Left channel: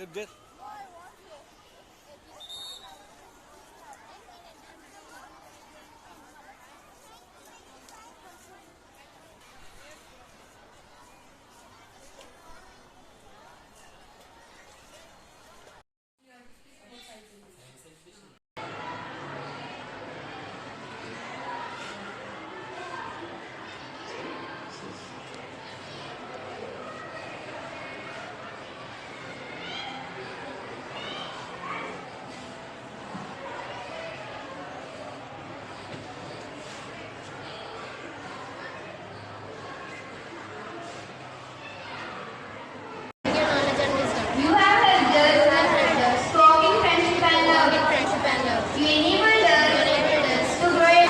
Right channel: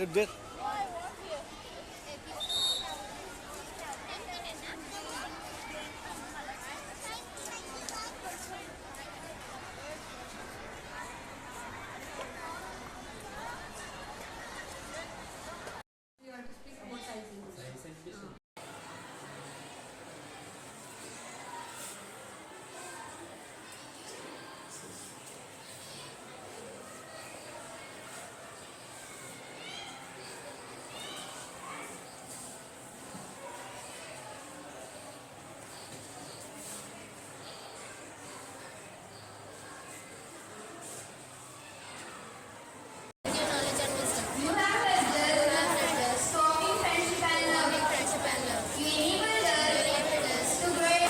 There. You have helped us, strong in friendship and love. You enabled us to grow.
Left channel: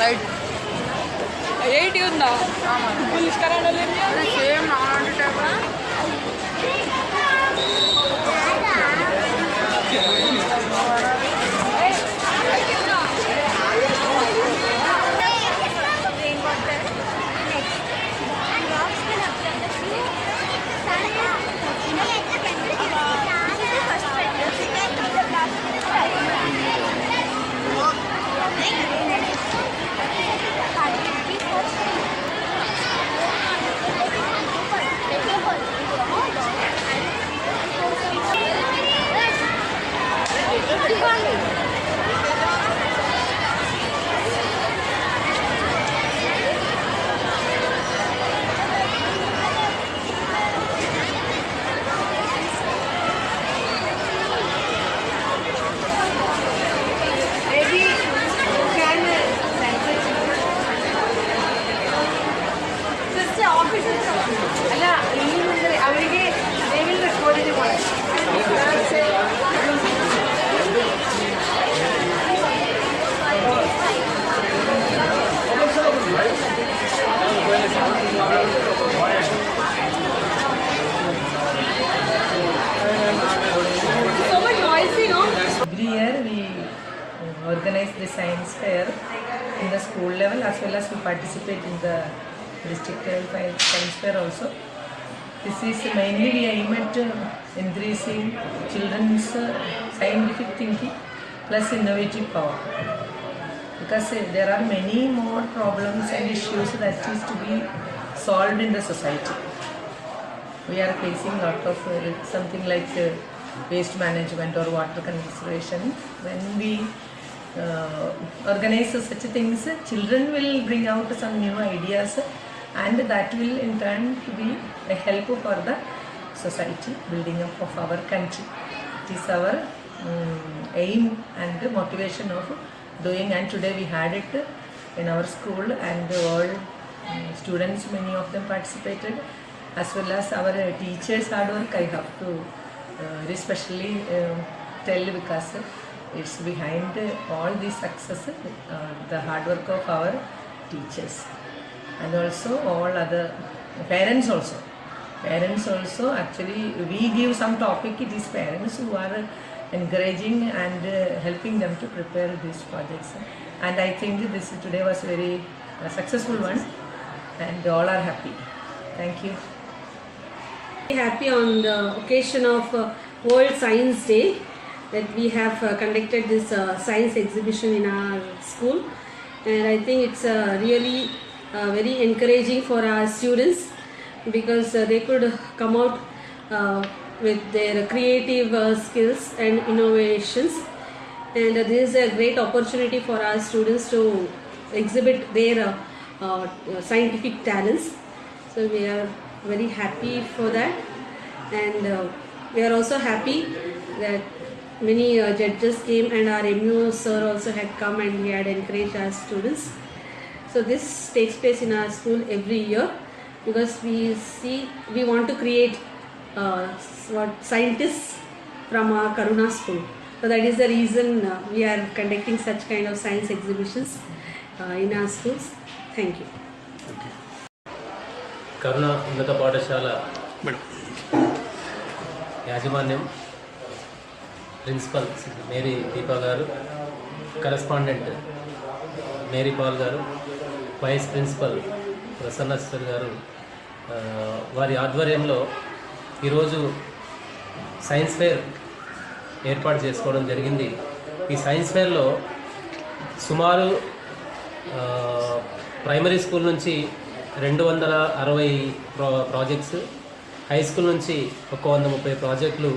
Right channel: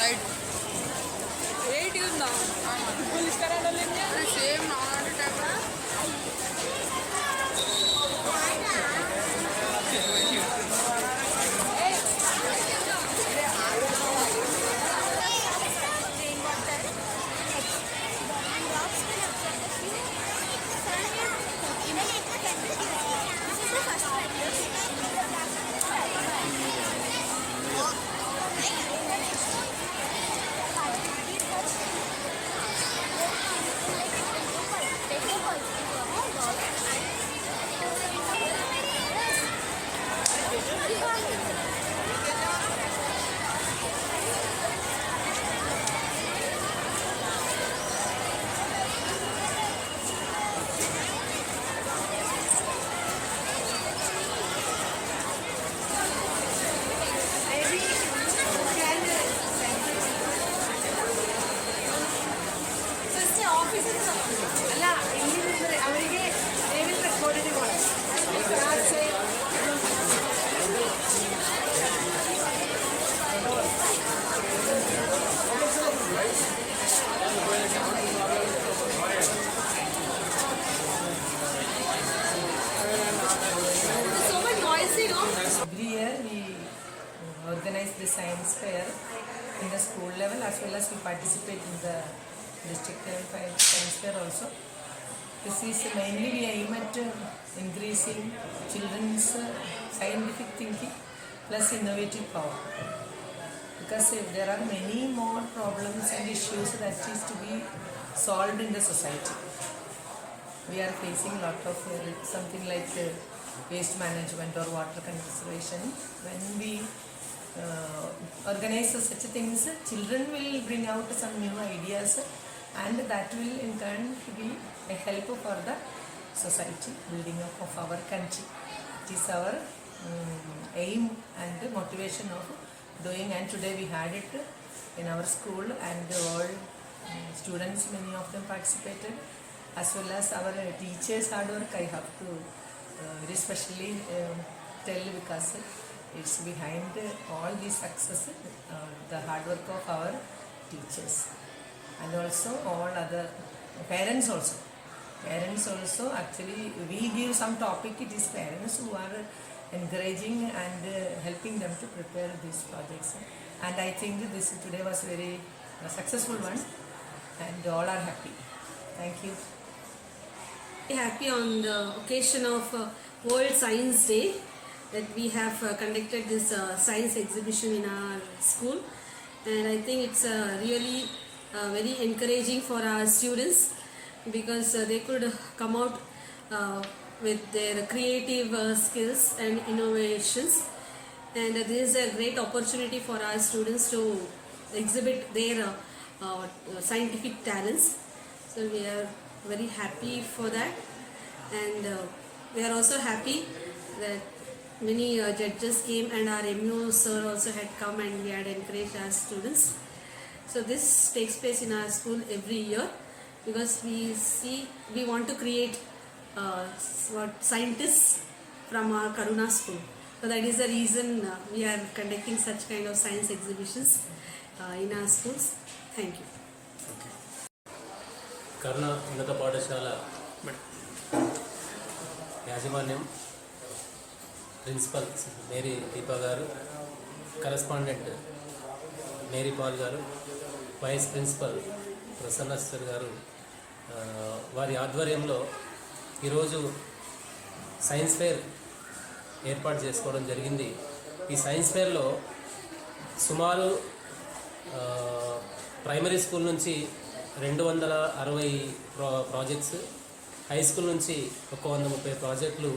Light eighty ఉందా సేమ్ അല്ല അവರಿಗೆ റെക്കോർഡ് ചെയ്ത് Every year we organize the science fair in the school level as well as we participate in the district level science fair also. This is mainly we aim at increasing children's scientific thinking plus innovative power. Because there are many more problems and issues that is to be solved in the society. We are facing a lot of something like waste management or water conservation. When we organize such things, children will bring out some new ideas and that will in turn be a help for the society, building up of our country. It is our aim and motivation of doing, and today we had it in our school and all students, many of them participated, as well as our teachers hard work. I have to especially tell because it's behind all this success the hard work of our teachers and also all other parents also. Parents also, actually we give some topic, it is parents who are encouraging and helping them to prepare these projects, and I think this today was very successful one and all are happy. Thank you. Happy on the occasion of World Science Day that we have conducted this science exhibition in our school, and I think it's really very encouraging for our students because they could come out with their creative skills and innovations, and this is a great opportunity for our students to exhibit their scientific talents. So we are very happy for that, and we are also happy that many judges came and our MU sir also had come and he had encouraged our students. So this takes place in our school every year because we want to create scientists from our Karuna school. So that is the reason we are conducting such kind of science exhibitions in our schools. Thank you. కరుణ ఉన్నత పాఠశాల యాజమాన్యం, principal Mary Deepa గారు, correspondent Mary Paul గారు, vice principal ప్రసన్నశ్వర్ గారు, వారి ఆధ్వర్యంలో ఈరోజు సైన్స్ ఫేర్ ఏర్పాటు చేసుకోవడం జరిగింది. ఈ సైన్స్ ఫేర్లో సుమారు ప్రైమరీ స్కూల్ నుంచి 260 ప్రాజెక్ట్స్, హై స్కూల్ నుంచి 130 ప్రాజెక్టులు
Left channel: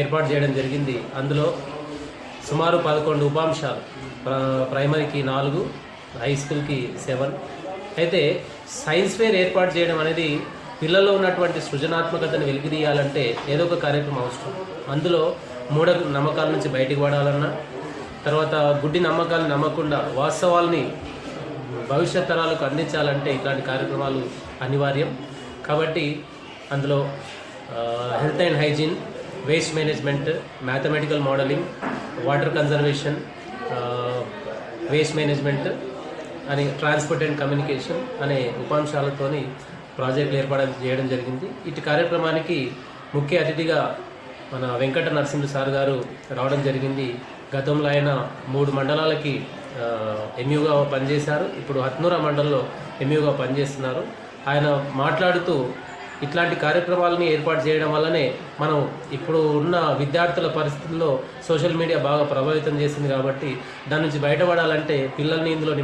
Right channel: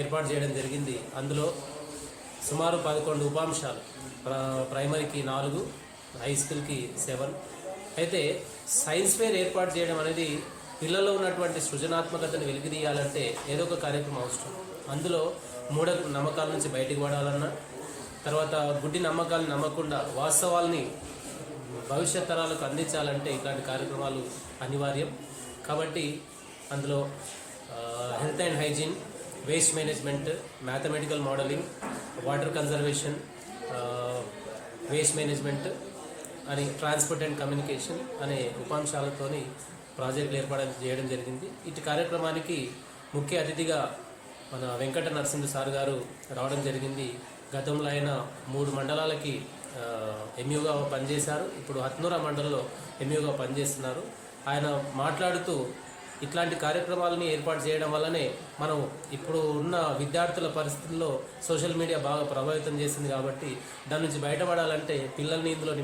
ఏర్పాటు చేయడం జరిగింది. అందులో సుమారు 11 ఉపాంశాలు, ప్రైమరీకి 4, హై స్కూల్కి 7. అయితే సైన్స్ ఫేర్ ఏర్పాటు చేయడం అనేది పిల్లల్లో ఉన్నటువంటి సృజనాత్మకతను వెలికితీయాలంటే ఏదో ఒక కార్యక్రమం అవసరం. అందులో మూఢ నమ్మకాల నుంచి బయటికి పడాలన్నా, తర్వాత గుడ్డి నమ్మకాలను నమ్మకుండా వాస్తవాల్ని భవిష్యత్ తరాలకు అందించాలంటే ఇట్లాంటి కార్యక్రమాలు అనివార్యం. కాబట్టి అందులో health and hygiene, waste management, mathematical modelling, water conservation, waste management అని, ట్రాన్స్పోర్ట్ అండ్ కమ్యూనికేషన్ అనే ఉపాంశాలతోని ప్రాజెక్టులు ఏర్పాటు చేయడం జరిగింది. ఇటు కార్యక్రమానికి ముఖ్య అతిథిగా మన వెంకట నరసింహ సార్ గారు రావడం జరిగింది. గతంలో ఆయన 3 మండలాలకి ఎంయూగా పనిచేశారు. ఇప్పుడు హత్నూరా మండలంలో ఎంయూగా పనిచేస్తున్నారు. ఆయన మాట్లాడుతూ ఇట్లాంటి కార్యక్రమాలని ఏర్పాటు చేయడం వల్లనే మనం ఇప్పుడు ఉన్న విద్యార్థుల పరిస్థితుల్లో సోషల్ మీడియా బాగా ప్రభావితం చేసింది. కాబట్టి దాని నుంచి బయటపడాలంటే పిల్లల్ని ఇందులో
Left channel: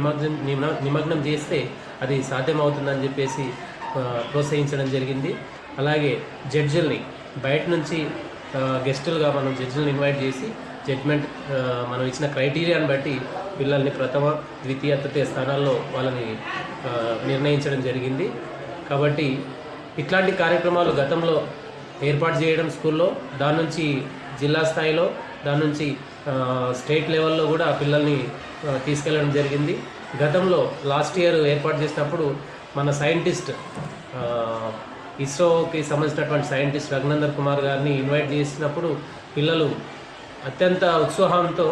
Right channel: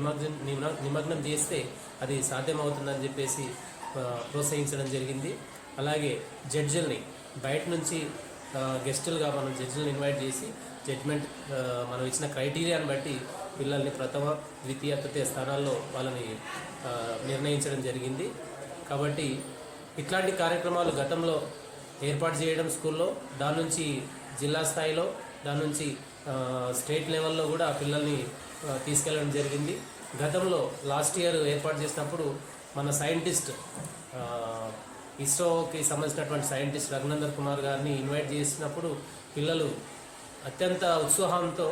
నిమగ్నం చేస్తే అది సాధ్యమవుతుందని చెప్పేసి ప్రోత్సహించడం జరిగింది. అలాగే జడ్జిల్ని బయట నుంచి గెస్టులుగా మనం జడ్జిల్ని ఇన్వైట్ చేసి జడ్జ్మెంట్ మనం ఇచ్చిన క్రైటీరియాని బట్టి పిల్లల్ని ప్రథమ, ద్వితీయ, తృతీయ స్థానాల్లో వాళ్ళని నిర్ణయించడం జరిగింది. కాబట్టి ఇట్లాంటి కార్యక్రమాలు గతంలో ఏర్పాటు చేయడం స్కూల్లో, దాని నుంచి జిల్లా స్థాయిలో, దాని నుంచి స్టేట్ లెవెల్లో కూడా పిల్లల్ని తీసుకెళ్ళడం జరిగింది. గతంలో లాస్ట్ ఇయర్ ఏర్పాటు చేసినప్పుడు మన సైంటిస్ట్, ఇస్రోకి సంబంధించినటువంటి సైంటిస్ట్ రఘునందన్ కుమార్ గారిని ఇన్వైట్ చేసినప్పుడు పిల్లలు అత్యంత ఉత్సాహంతో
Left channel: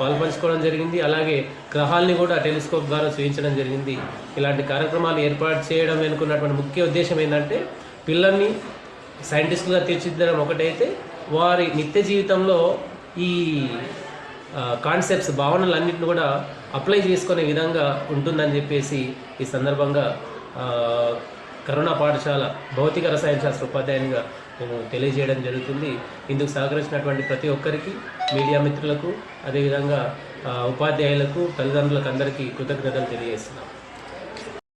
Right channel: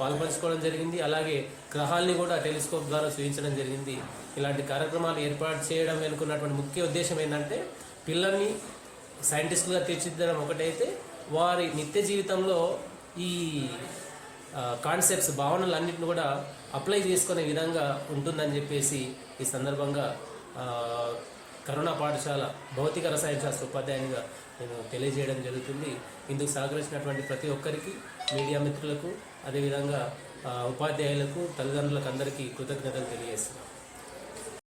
పాల్పంచుకోవడం జరిగింది. అలాగే గ్రహాల్ని కూడా టెలిస్కోప్ ద్వారా చూపించడం జరిగింది. ఇలాంటి కార్యక్రమాలు ఏర్పాటు చేయడం వెనుకున్నటువంటి ముఖ్య ఉద్దేశం ఏంటంటే పిల్లల్ని సైంటిస్టులుగా తీర్చిదిద్దడం ఒకటైతే, వారి నిత్య జీవితంలో ఈ కాన్సెప్ట్స్, భావనలన్నింటిని కూడా అప్లై చేసుకునే విధంగా ఉంటుందని చెప్పేసి ఈ సందర్భంగా కరుణ పాఠశాల భౌతిక రసాయన శాస్త్ర ఉపాధ్యాయునిగా నేను తెలియజేయడం జరుగుతుంది. ఇందుకు సహకరించినటువంటి ప్రతి ఒక్కరికి, మీడియా మిత్రులకు, అదేవిధంగా ఉపాధ్యాయులకు, తల్లిదండ్రులకు అందరికీ కృతజ్ఞతలు తెలియజేస్తున్నాం.